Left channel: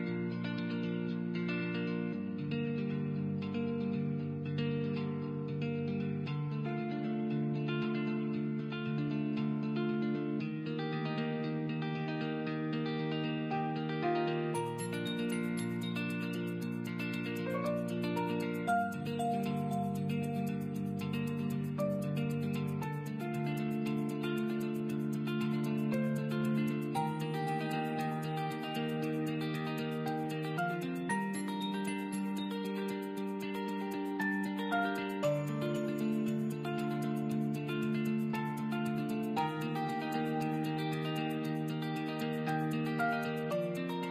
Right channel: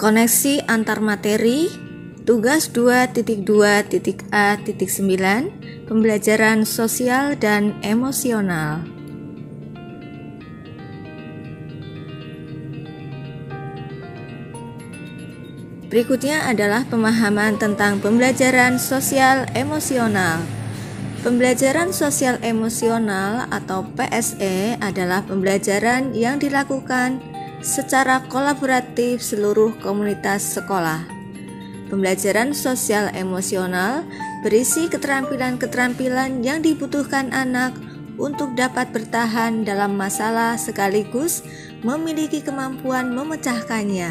Koneksi antar materi, tugas 2.2.A.9, pembelajaran sosial dan emosional. Berikutnya adalah pemahaman tentang pembelajaran sosial emosional. Pembelajaran sosial emosional atau PSE adalah pembelajaran yang dilakukan secara kolaboratif seluruh komunitas sekolah. Pembelajaran sosial emosional berisi keterampilan-keterampilan yang dibutuhkan anak untuk dapat bertahan dalam masalah sekaligus memiliki kemampuan memecahkannya,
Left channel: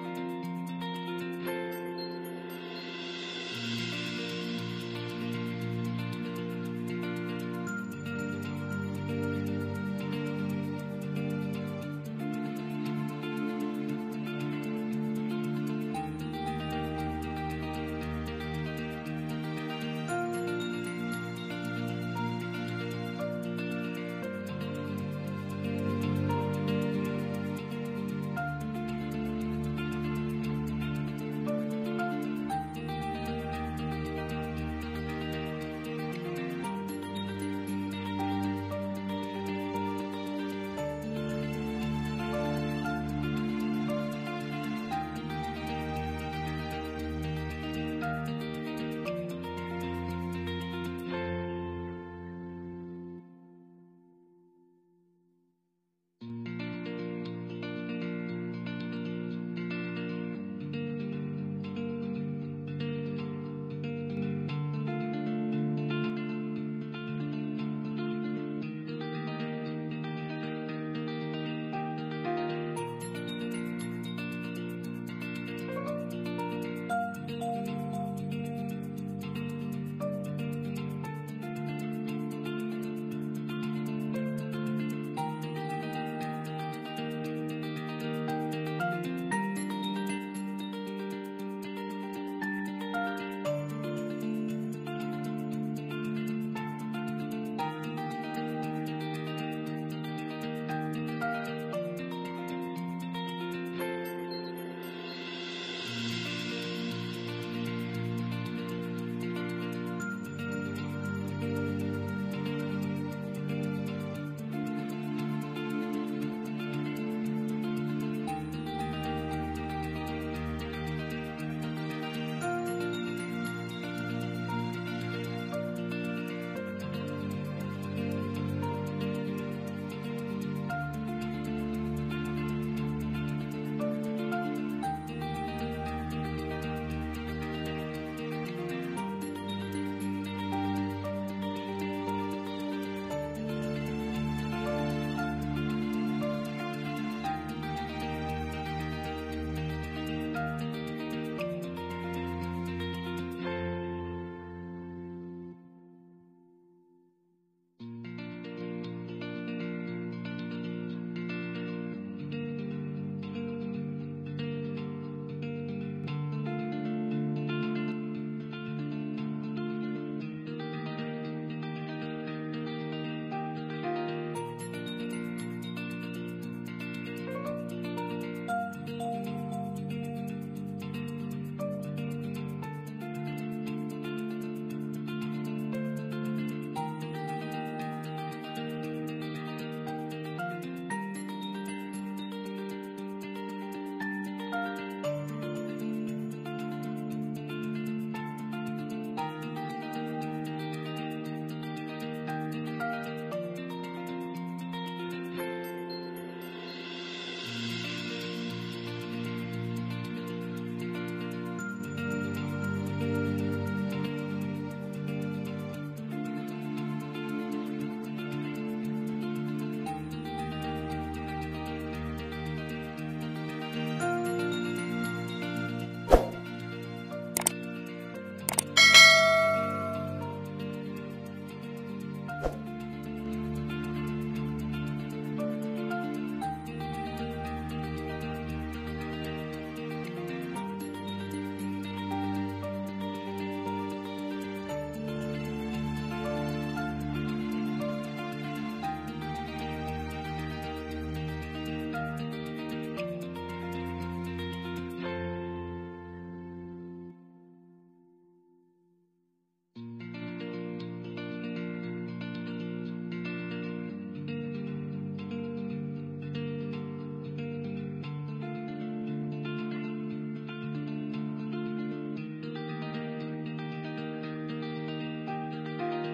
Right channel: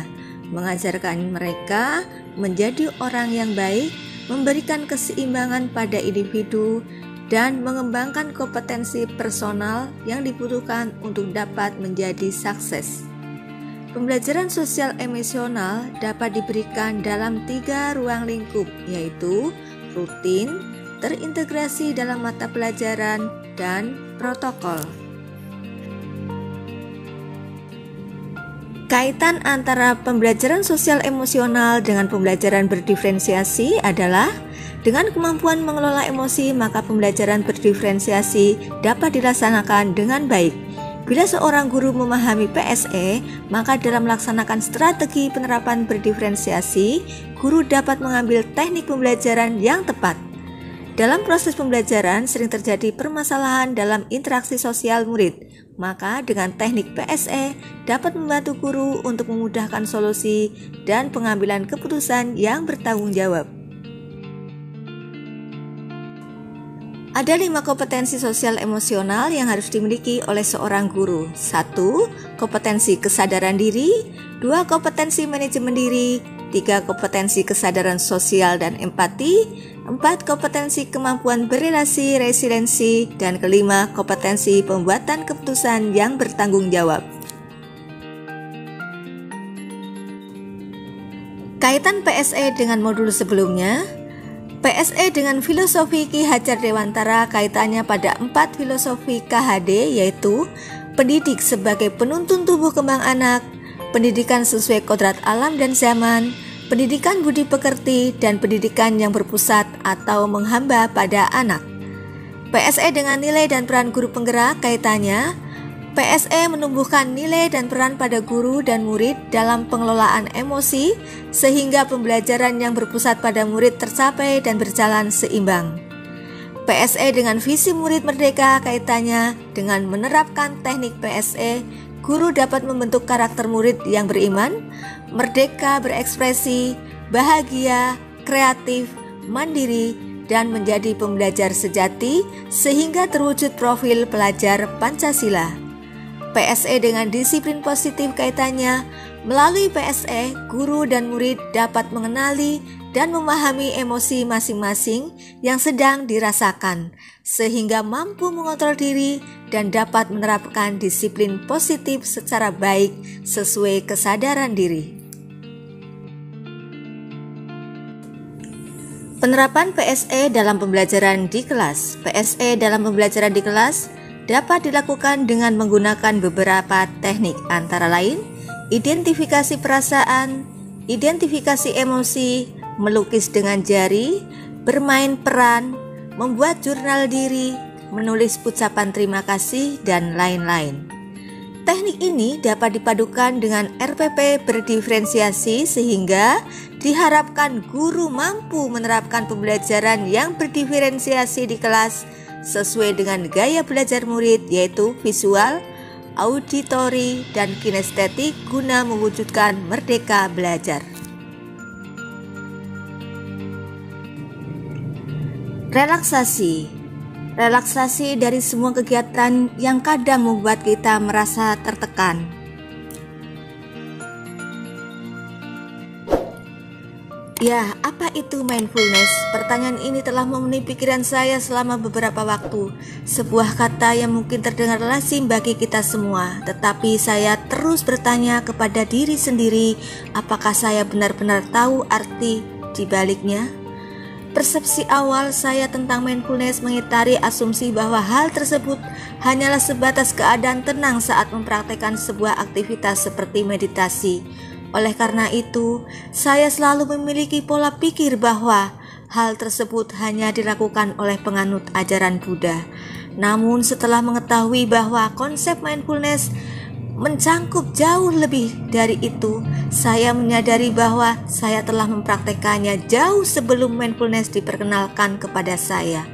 mengajarkan mereka menjadi orang yang baik, memberikan keseimbangan pada individu, dan mengembangkan kompetensi personal yang dibutuhkan untuk dapat menjadi sukses. Pembelajaran sosial emosional dapat diberikan dalam 3 ruang lingkup, yaitu rutin, terintegrasi dalam mata pelajaran, dan protokol. Kaitan antara pembelajaran sosial emosional dengan pembelajaran berdiferensiasi adalah dengan kemampuan mengelola emosi, maka pembelajaran berdiferensiasi dapat dilaksanakan dengan baik. Bila seorang guru memahami PSE, maka dalam melaksanakan strategi penerapan berdiferensiasi, guru dapat mengambil teknik pembelajaran yang tepat. Dalam proses pembelajaran sering terjadi permasalahan dalam interaksi sosial murid, maka dengan teknik PSE dapat membantu guru untuk memudahkan solusi dan pengambilan keputusan yang bertanggung jawab. Ada 5 kompetensi sosial emosional yang harus dimiliki oleh seorang guru. 1. Kompetensi kesadaran diri. 2. Kompetensi manajemen diri. 3. Kompetensi kesadaran sosial dan empati. 4. Kompetensi kemampuan berelasi, resiliensi. Dan kelima, kompetensi pembuatan keputusan yang bertanggung jawab. Kaitan PSE dengan modul sebelumnya. PSE dengan filosofi Ki Hajar Dewantara kaitannya pada 4 filosofi KHD, yaitu pendidik sebagai penuntun tubuh kembang anak, pendidikan sesuai kodrat alam dan zaman, pendidikan budi pekerti, dan pendidikan yang berpusat atau menghamba pada anak. PSE dengan nilai dan peran guru penggerak kaitannya, PSE menumbuhkan nilai dan peran pada guru dan murid dalam pengelolaan emosi sehingga pembelajaran yang berpusat pada murid tercapai dan berjalan seimbang. PSE dengan visi murid merdeka kaitannya dengan menerapkan teknik PSE, guru dapat membentuk karakter murid yang beriman, merdeka berekspresi, bahagia, kreatif, mandiri, dan menjadi pembelajar sejati sehingga terwujud profil pelajar Pancasila. PSE dengan disiplin positif kaitannya, melalui PSE, guru dan murid dapat mengenali dan memahami emosi masing-masing yang sedang dirasakan, sehingga mampu mengontrol diri dan dapat menerapkan disiplin positif secara baik sesuai kesadaran diri. Penerapan PSE dalam pembelajaran di kelas. PSE dalam pembelajaran di kelas dapat dilakukan dengan menggunakan beberapa teknik, antara lain identifikasi perasaan, identifikasi emosi, melukis dengan jari, bermain peran, membuat jurnal diri, menulis ucapan terima kasih, dan lain-lain. Teknik ini dapat dipadukan dengan RPP berdiferensiasi sehingga diharapkan guru mampu menerapkan pembelajaran yang berdiferensiasi di kelas sesuai dengan gaya belajar murid, yaitu visual, auditori, dan kinestetik guna mewujudkan merdeka belajar. Relaksasi. Relaksasi dari semua kegiatan yang kadang membuat kita merasa tertekan. Ya, apa itu mindfulness? Pertanyaan ini telah memenuhi pikiran saya selama beberapa waktu. Sebuah kata yang mungkin terdengar lazim bagi kita semua, tetapi saya terus bertanya kepada diri sendiri, apakah saya benar-benar tahu arti di baliknya? Persepsi awal saya tentang mindfulness mengitari asumsi bahwa hal tersebut hanyalah sebatas keadaan tenang saat mempraktekkan sebuah aktivitas seperti meditasi. Oleh karena itu, saya selalu memiliki pola pikir bahwa hal tersebut hanya dilakukan oleh penganut ajaran Buddha. Namun setelah mengetahui bahwa konsep mindfulness mencangkup jauh lebih dari itu, saya menyadari bahwa saya telah mempraktekannya jauh sebelum mindfulness diperkenalkan kepada saya.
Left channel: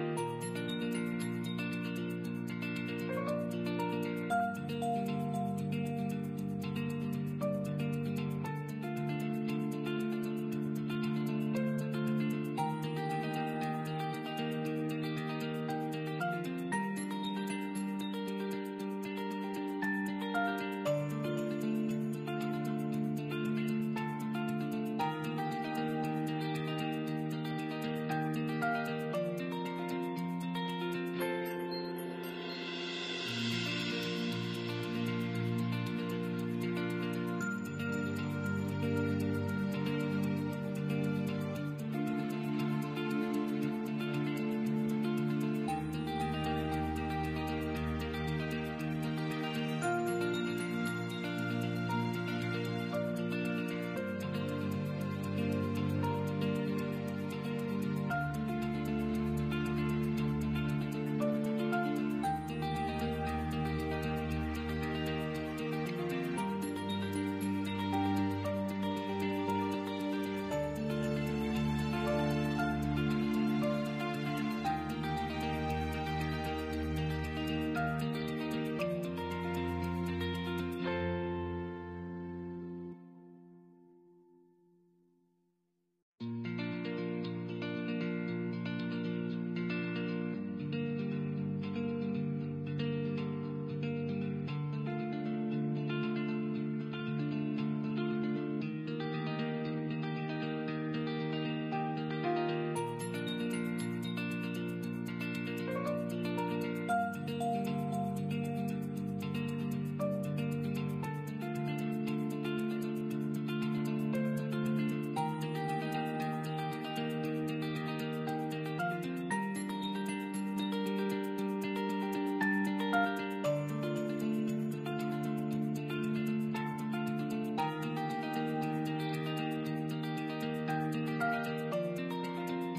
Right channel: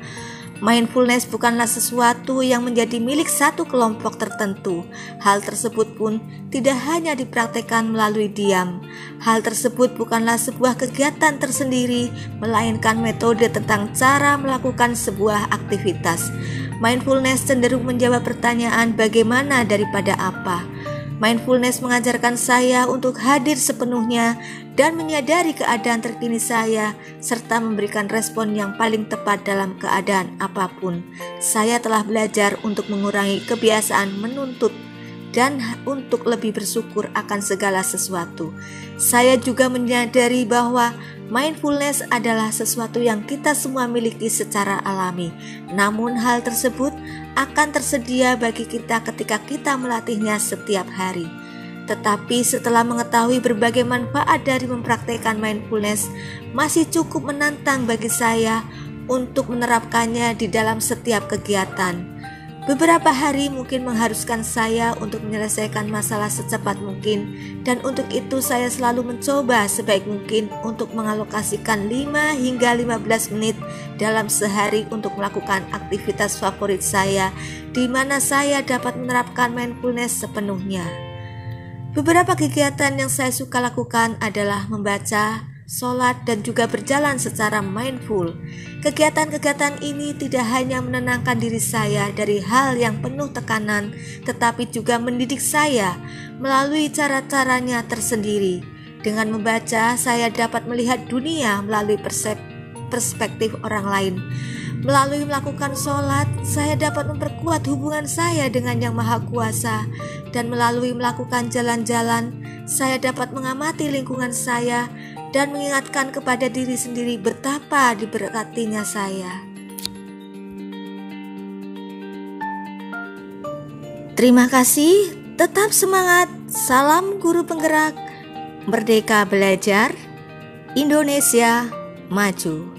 Mindfulness bukanlah sesuatu yang menjadi milik satu kelompok tertentu. Hal tersebut pun tidak hanya dipraktekkan melalui diam. Hal tersebut bukanlah sebuah kegiatan tersendiri, melainkan metode tentang cara melakukan sebuah aktivitas. Mindfulness cenderung menjawab pertanyaan bagaimana daripada apa. Mindfulness mengajarkan saya untuk hadir sepenuhnya dan menyadari keadaan terkini saya, serta memberikan respon yang paling tepat dalam keadaan apapun. Saya telah belajar untuk mengurangi kebiasaan menuntut dan untuk lebih bersyukur akan segala sesuatu. Saya juga menyadari bahwa mindfulness adalah sesuatu yang kita semua miliki secara alami. Namun hal tersebut akan tersedia bagi kita ketika kita melatihnya setiap hari. Tetapi setelah mengetahui berbagai manfaat dari mempraktikkan mindfulness, masih cukup menantang bagi saya untuk menerapkannya di dalam setiap kegiatan. Beberapa hari mungkin mengharuskan saya untuk menyelesaikan masalah secepat mungkin, dan untuk itu saya selalu mencoba sebaik mungkin untuk mengalokasikan 5 hingga 15 menit dalam sehari untuk melakukan aktivitas favorit saya, di mana saya dapat menerapkan mindfulness sepenuhnya. Beberapa kegiatan yang saya suka lakukan adalah membaca, sholat, dan juga berjalan secara mindful. Kegiatan-kegiatan ini tidak hanya menenangkan diri saya dari hal yang penuh tekanan, tetapi juga mendidik saya melalui cara-caranya tersendiri. Dengan membaca, saya dapat melihat dunia melalui perspektif orang lain. Melalui melakukan sholat, saya dapat memperkuat hubungan saya dengan Yang Maha Kuasa. Dan melalui melakukan jalan-jalan, saya dapat mengamati lingkungan saya dan mengingatkan kepada diri sendiri betapa diberkatinya saya. Terima kasih, tetap semangat, salam guru penggerak, merdeka belajar, Indonesia maju.